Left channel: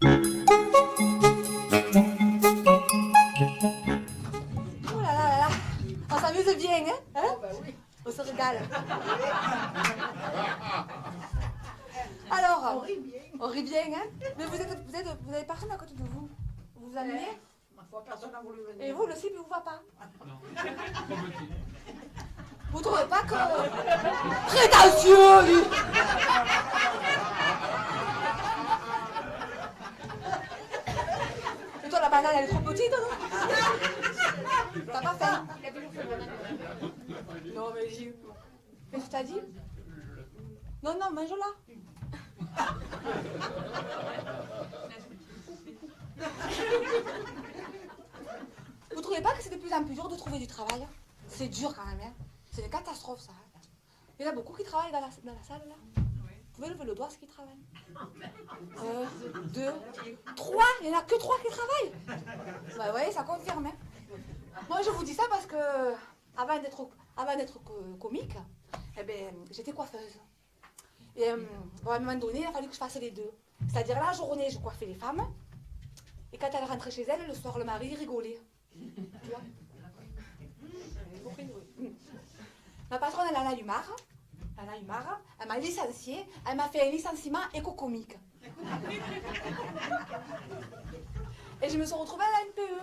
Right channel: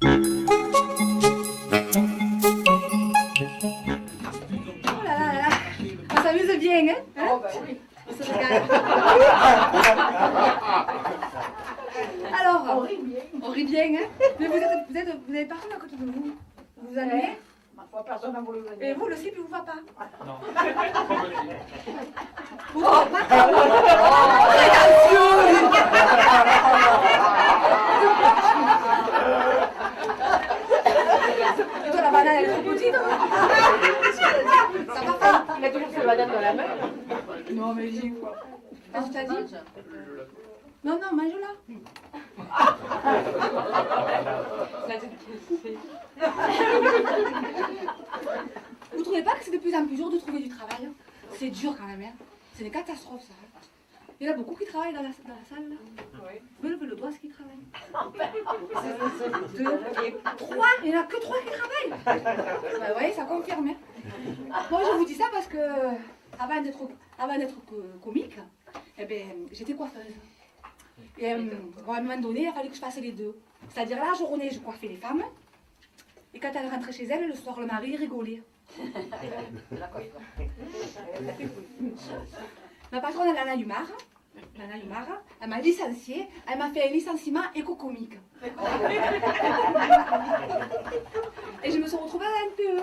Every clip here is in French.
Oh là là là là, on s'amuse bien, hein? Oh ben oui. On se régale. Alors, on rit bien, hein? Mais vous avez personne à côté de vous. Vous allez bien? Ma foi, personne n'a voulu venir. Et vous, le slip, il vous va pas? Non. Trop petit. Vous trouvez pas que... Prétentieux! Et toi, la banane, elle est trop petite, ça va pas? Il a toujours sa banane dans la main. Non, mais j'ai quoi? Qu'est-ce que t'as dit? Non, non, mange-la. Vous trouvez pas que c'est de plus en plus dur de trouver du travail? C'est dur quand même, hein? C'est une catastrophe, ça. Il y en a beaucoup qui travaillent dans la salle, là. Oui. Vous pouvez lever le doigt, ceux qui travaillent. 2, 3, il n'y en a que 3 qui travaillent. Bah oui, ça confirme, hein. Moi, je vous dis ça parce que, avant d'être comique, eh ben, j'étais coiffeuse. Et bon, à un moment donné, il a fallu que je fasse les deux. C'est-à-dire, la journée, je coiffais les femmes. Et quand elle rentrait chez elle, le soir, le mari rigolait. Ma patronne, elle en a eu marre. Elle m'a licenciée. Elle m'a fait un licenciement éco-comique. Et je me suis retrouvée à la NPE.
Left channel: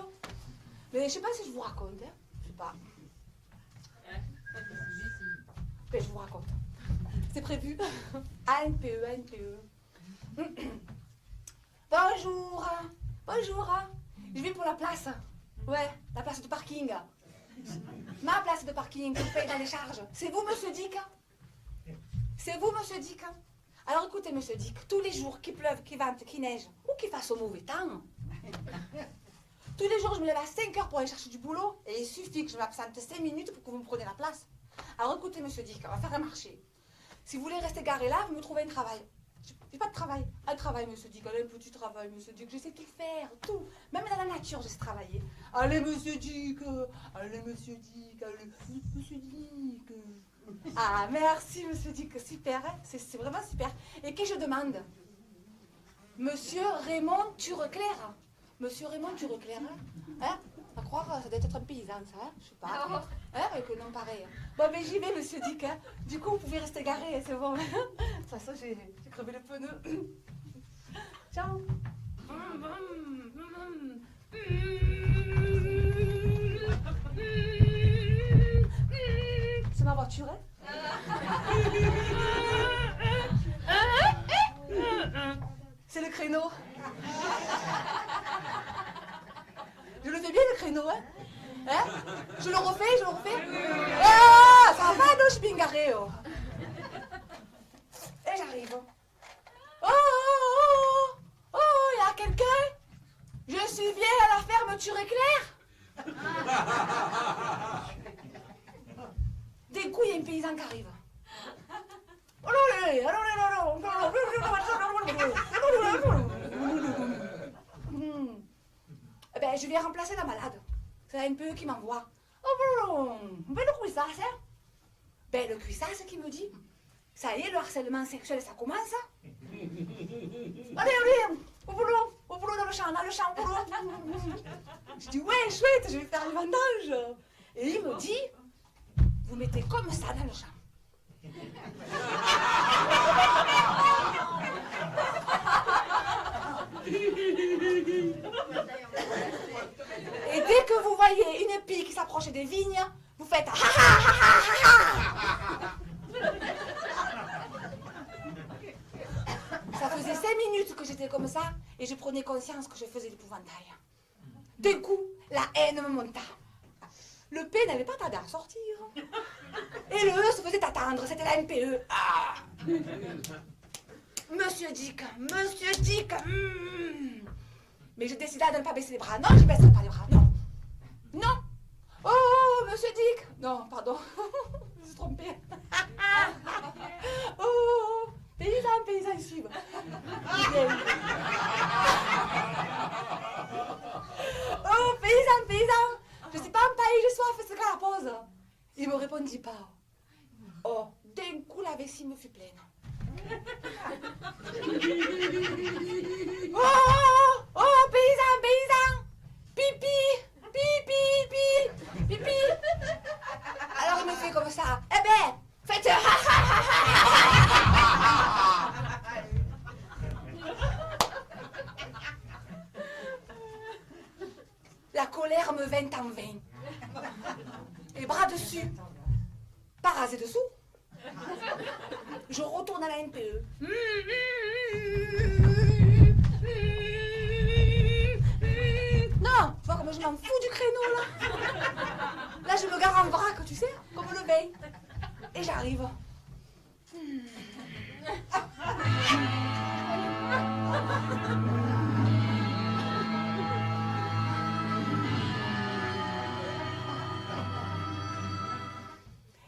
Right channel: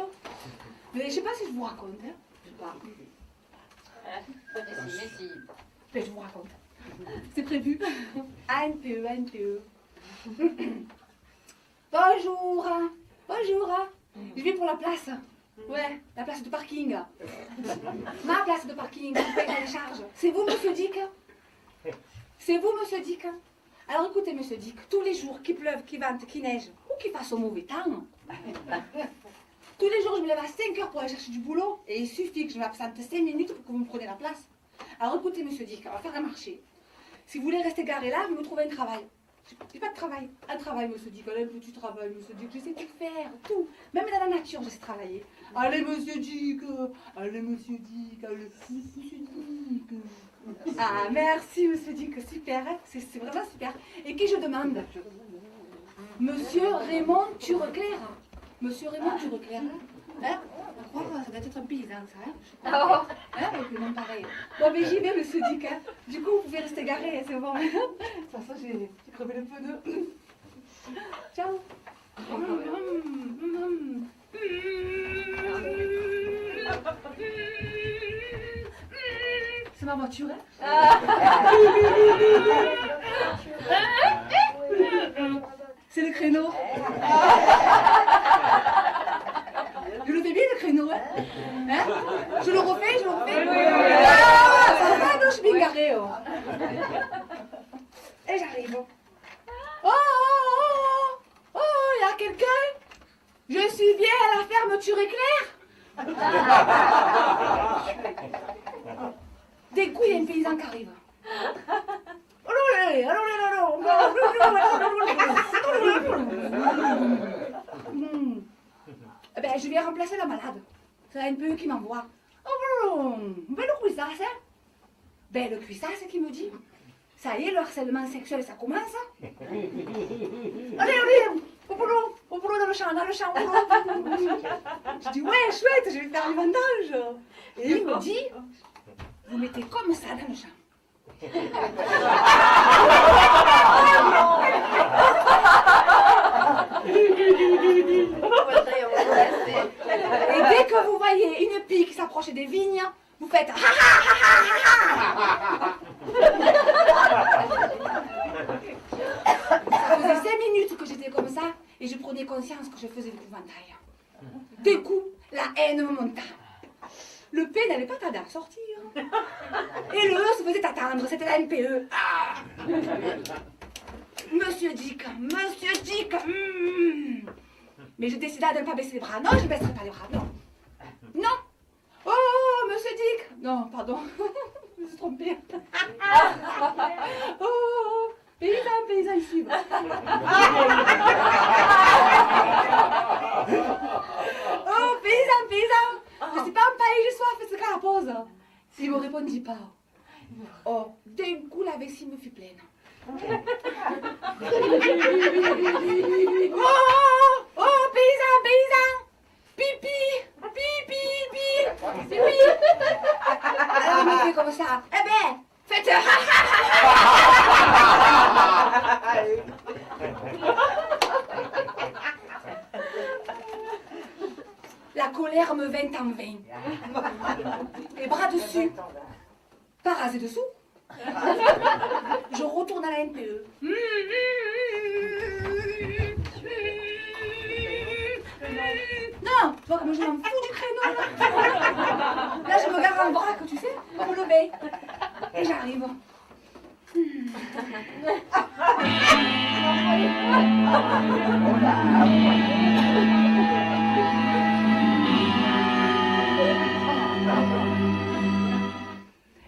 Mais je ne sais pas si je vous raconte. Hein. Je sais pas. Mais je vous raconte. C'est prévu. ANPE. Bonjour. Je vais pour la place. Ouais, la place de parking. Ma place de parking, vous payez les charges. C'est vous, monsieur Dick? C'est vous, monsieur Dick? Alors écoutez, monsieur Dick, tous les jours, qu'il pleuve, qu'il vente, qu'il neige, ou qu'il fasse au mauvais temps, tous les jours, je me lève à 5 heures pour aller chercher du boulot, et il suffit que je m'absente 5 minutes pour que vous me preniez la place. Alors écoutez, monsieur Dick, on va faire un marché. Si vous voulez rester garé là, vous me trouvez un travail. J'ai pas de travail. Un travail, monsieur Dick. Allez, petit travail, monsieur Dick. Je sais tout faire, tout. Même dans la nature, je sais travailler. Allez, monsieur Dick. Allez, monsieur Dick. Allez, monsieur Dick. Ah, merci, monsieur Dick. Super, hein. C'est vraiment super. Et qui je demande? Monsieur Raymond Tureclair. Monsieur Raymond Tureclair. Hein? On va croire que ça doit être un paysan, ça, hein? Je sais pas. Hein? Avec le nom pareil. Bon, mais j'y vais, monsieur Dick. Hein? Du coup, vous pouvez rester garé, c'est bon. De toute façon, j'ai crevé le pneu. Ciao. C'est ma voiture, hein? C'est le créneau. Je le fais bien, le créneau, hein? Hein? Je le refais? Ah, ça va, non, je suis bien garée, oh. Et j'arrive. Oh, il y a quelqu'un? Je suis bien à la ferme Tureclair? Des coups, il y a une paysanne qui arrive. Eh ben, je viens remplacer la malade. C'est la NPE qui m'envoie. Ben, le cuissage, hein? Ben, le cuissage qui me dit. Ça y est, le harcèlement sexuel, ça commence. Allez, au boulot dans le champ, au boulot. Je dis, ouais, chouette, je vais faire du vendange. Et il me dit, vous mettez comme ça dans le champ. Et dès que vous voyez une pie qui s'approche des vignes, vous faites Ça faisait 5 minutes que j'étais comme ça et je prenais conscience que je faisais l'épouvantail. D'un coup, la haine me monta. Le P n'avait pas tardé à sortir. Et le E se faisait attendre, c'était la NPE. Ah. Monsieur Dick. Mais je décida de ne pas baisser les bras. Non, je ne baisserai pas les bras, non. Non. Oh, monsieur Dick. Non, pardon. Je me suis trompée. Oh, paysan, ils suivent. Oh, paysan. Je ne suis pas empaillée, j'ai soif, c'est quand la pause. Il ne me répondit pas. Oh, d'un coup, la vessie me fut pleine. Oh La colère me vint en vain. Les bras dessus, pas rasés dessous. Je retourne à la NPE. Non, tu vois comme je m'en fous du créneau là. Là, je me gare en vrac, tu sais, pour me lever. Et j'arrive.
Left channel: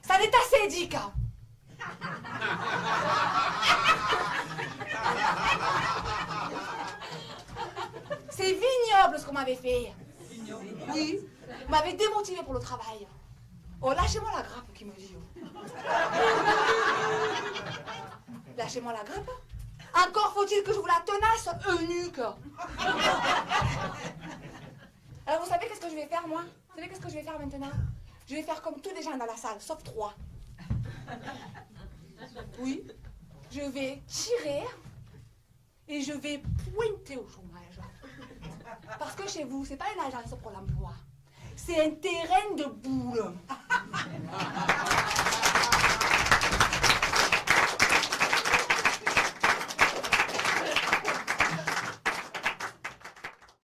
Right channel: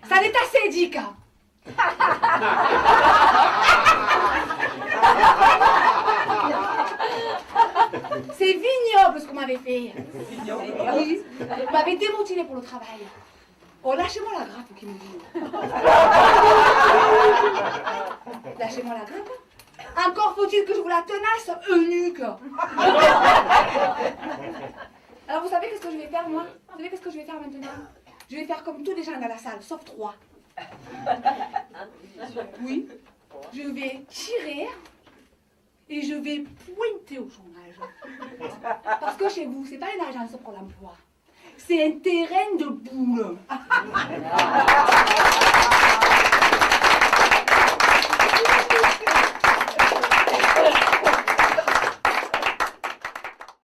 Ça n'est assez, Dick. C'est vignoble ce qu'on m'avait fait. Oui. Vous m'avez démotivé pour le travail. Oh, lâchez-moi la grappe qui me dit. Lâchez-moi la grappe. Encore faut-il que je vous la tenasse, eunuque. Alors vous savez qu'est-ce que je vais faire, moi? Vous savez qu'est-ce que je vais faire maintenant? Je vais faire comme tous les gens dans la salle, sauf 3. Oui. Je vais tirer et je vais pointer au chômage. Parce que chez vous, c'est pas une agence pour l'emploi. C'est un terrain de boule.